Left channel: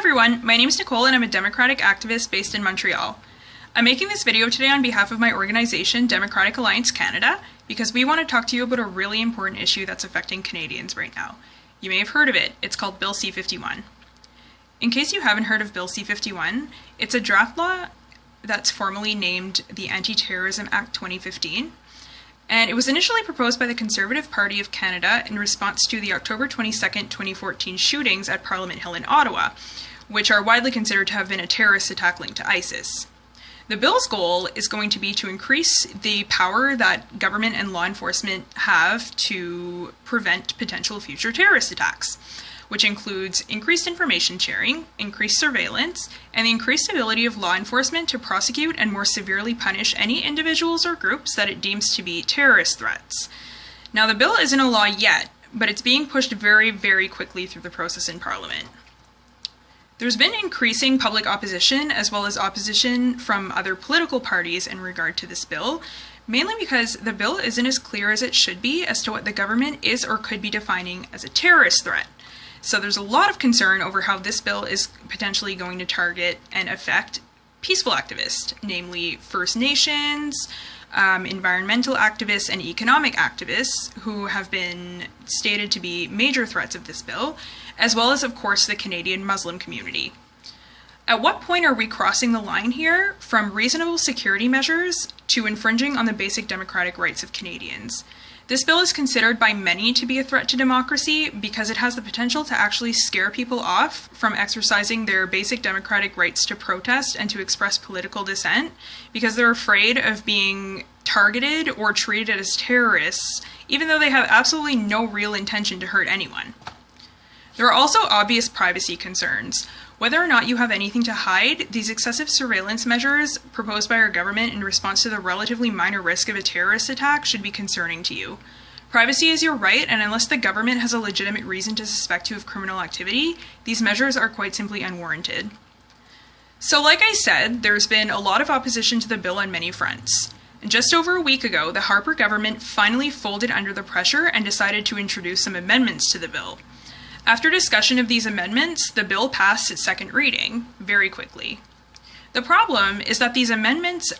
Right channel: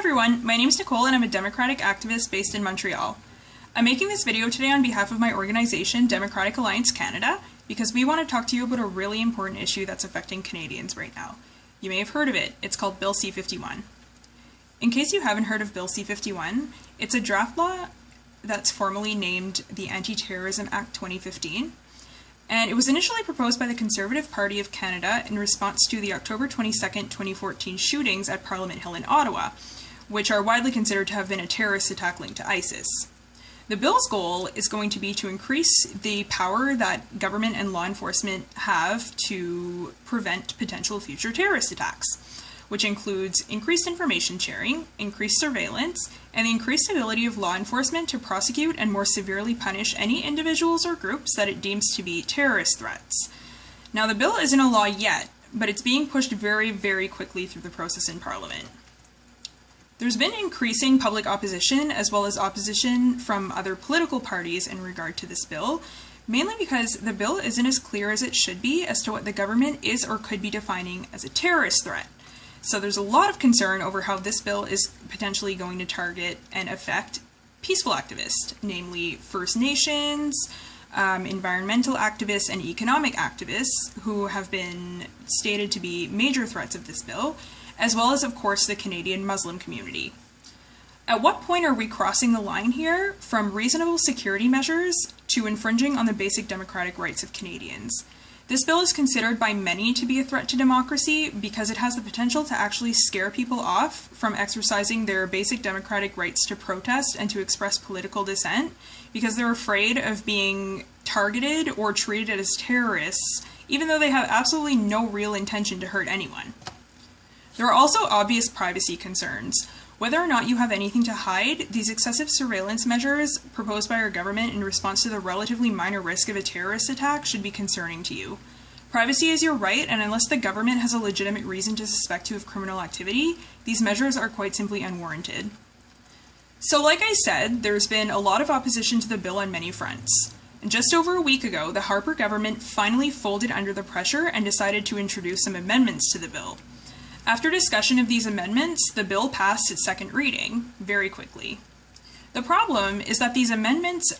everyone, my name is Nicole and I'm a Democratic activist based in Montreal. I'm making this video today on behalf of my organization, Democratic Alliance Canada, because we want to talk to you about a really important issue that's affecting Canadians right now. You may have heard of it. It's called Bill C-51. In case you haven't heard of Bill C-51, it's a draft law that's formally named the Anti-Terrorism Act 2015. And it was initially proposed by the Conservative Party of Canada in response to the October 22nd, 2014 shootings at Parliament Hill in Ottawa, which are widely considered to have been a terrorist attack linked to ISIS. The bill's goal is going to be to increase the power that government and law enforcement have to prevent potential future terrorist attacks, which includes increased information sharing, increased surveillance, and the increased ability of law enforcement to prosecute and more severely punish any individuals or groups that it deems to be terrorist threats. Now, the bill isn't a law yet, but it's being pushed very, very quickly through the process in Parliament. There's been increasing public opposition as well as opposition from other political parties in regard to this bill, mainly because the bill isn't as clear as it should be as to what the government is or could be defining as a terrorist threat. So there's a lot of concern over how this bill is potentially going to target and affect peaceful activists, namely First Nations, environmental activists, and economic activists who have been stated to be major threats of this bill, as well as, of course, the Canadian Muslim community. At what point are we crossing the line here from reasonable security measures to infringing on the basic democratic rights of Canadians? This bill is considered by many to be a threat to democracy because it has the potential to actually scare people off from exercising their basic democratic rights to protest and to express political dissent because they're afraid of being targeted or treated as terrorists, even though they have absolutely no real intention to hurt anyone. There are also obvious privacy concerns. Whether or not you have anything to hide, these excessive surveillance measures proposed by our government in response to the relatively minor risk of a terrorist attack should be concerning to you. Privacy is your right, and unless the government has a legitimate reason to suspect you of criminal activity, these measures are quite simply unwarranted. So like I said, there's been a lot of opposition to the bill on many fronts. And just over a week ago, the Harper government finally folded under the pressure and decided to introduce some amendments to the bill. After discussion of these amendments, the bill passed its second reading very quickly. The problem is that these amendments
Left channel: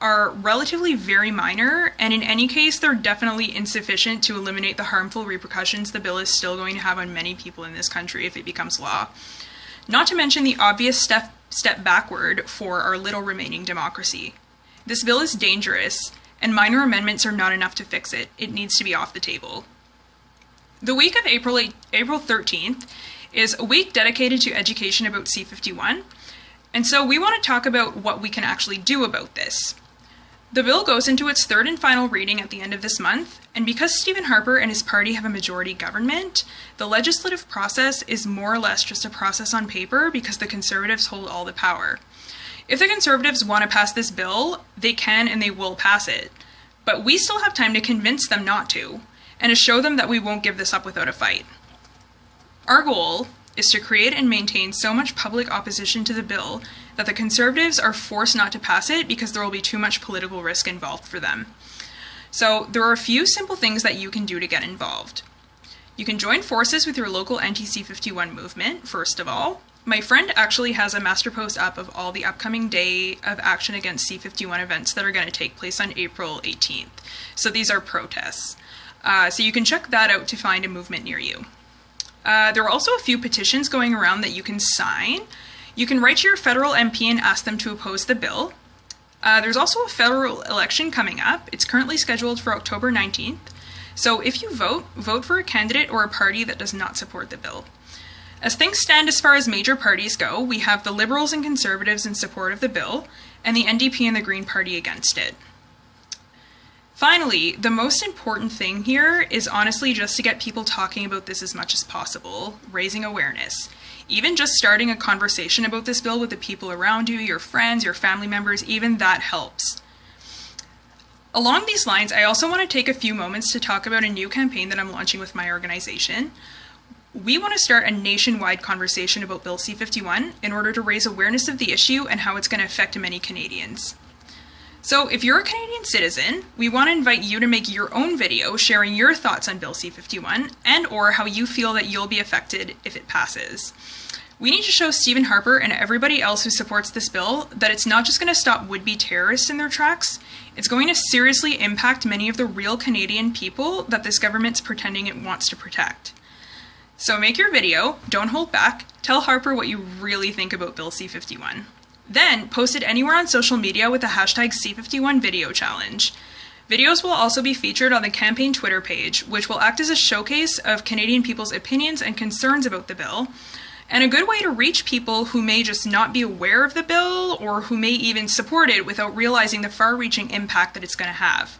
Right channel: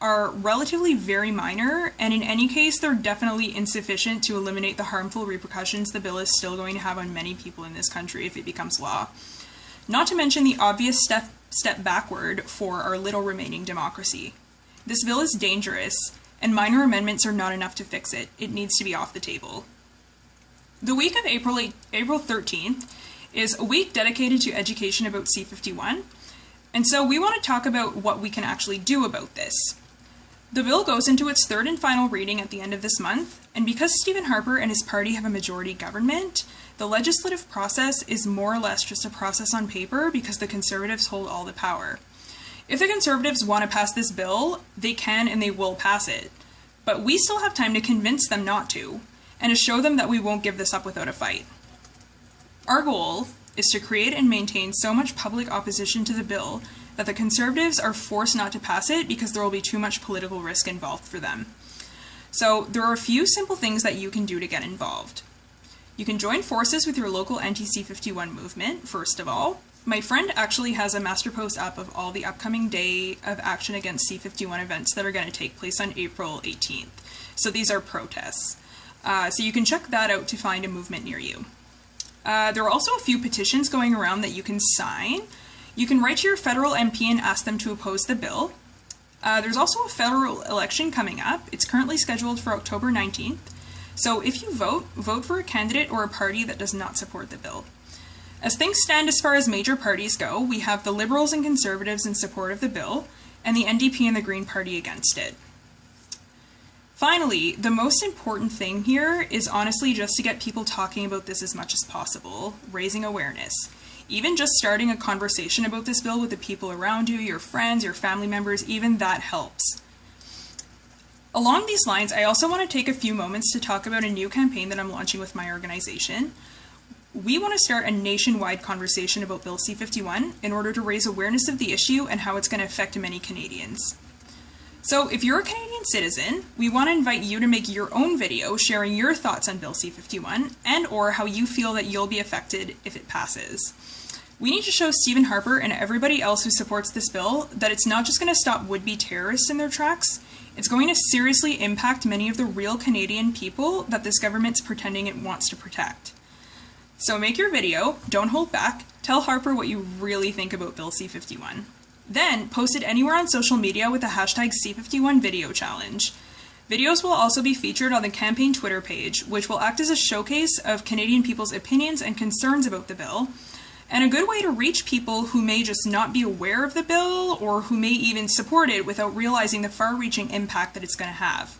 are relatively very minor, and in any case, they're definitely insufficient to eliminate the harmful repercussions the bill is still going to have on many people in this country if it becomes law. Not to mention the obvious step backward for our little remaining democracy. This bill is dangerous, and minor amendments are not enough to fix it. It needs to be off the table. The week of April 13th is a week dedicated to education about C-51, and so we want to talk about what we can actually do about this. The bill goes into its third and final reading at the end of this month, and because Stephen Harper and his party have a majority government, the legislative process is more or less just a process on paper because the Conservatives hold all the power. If the Conservatives want to pass this bill, they can and they will pass it, but we still have time to convince them not to, and to show them that we won't give this up without a fight. Our goal is to create and maintain so much public opposition to the bill that the Conservatives are forced not to pass it because there will be too much political risk involved for them. So there are a few simple things that you can do to get involved. You can join forces with your local anti-C-51 movement, first of all. My friend actually has a master post up of all the upcoming Day of Action Against C-51 events that are going to take place on April 18th. So these are protests. So you can check that out to find a movement near you. There are also a few petitions going around that you can sign. You can write to your federal MP and ask them to oppose the bill. There's also a federal election coming up. It's currently scheduled for October 19th. So if you vote for a candidate or a party that does not support the bill. As things stand as far as major parties go, we have the Liberals and Conservatives in support of the bill, and the NDP and the Green Party against it. Finally, the most important thing here is honestly just to get people talking about this as much as possible, raising awareness. Even just starting a conversation about this bill with the people around you, your friends, your family members, even that helps. Along these lines, I also want to take a few moments to talk about a new campaign that I'm launching with my organization. We want to start a nationwide conversation about Bill C-51 in order to raise awareness of the issue and how it's going to affect many Canadians. So if you're a Canadian citizen, we want to invite you to make your own video sharing your thoughts on Bill C-51 and or how you feel that you'll be affected if it passes. We need to show Stephen Harper and everybody else who supports this bill that it's not just going to stop would-be terrorists in their tracks, it's going to seriously impact many of the real Canadian people that this government's pretending it wants to protect. So make your video, don't hold back, tell Harper what you really think about Bill C-51. Then post it anywhere on social media with the hashtag C51 video challenge. Videos will also be featured on the campaign Twitter page, which will act as a showcase of Canadian people's opinions and concerns about the bill, and a good way to reach people who may just not be aware of the bill or who may even support it without realizing the far-reaching impact that it's going to have.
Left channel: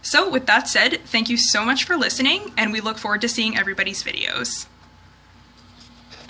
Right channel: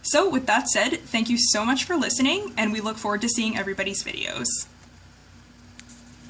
So with that said, thank you so much for listening, and we look forward to seeing everybody's videos.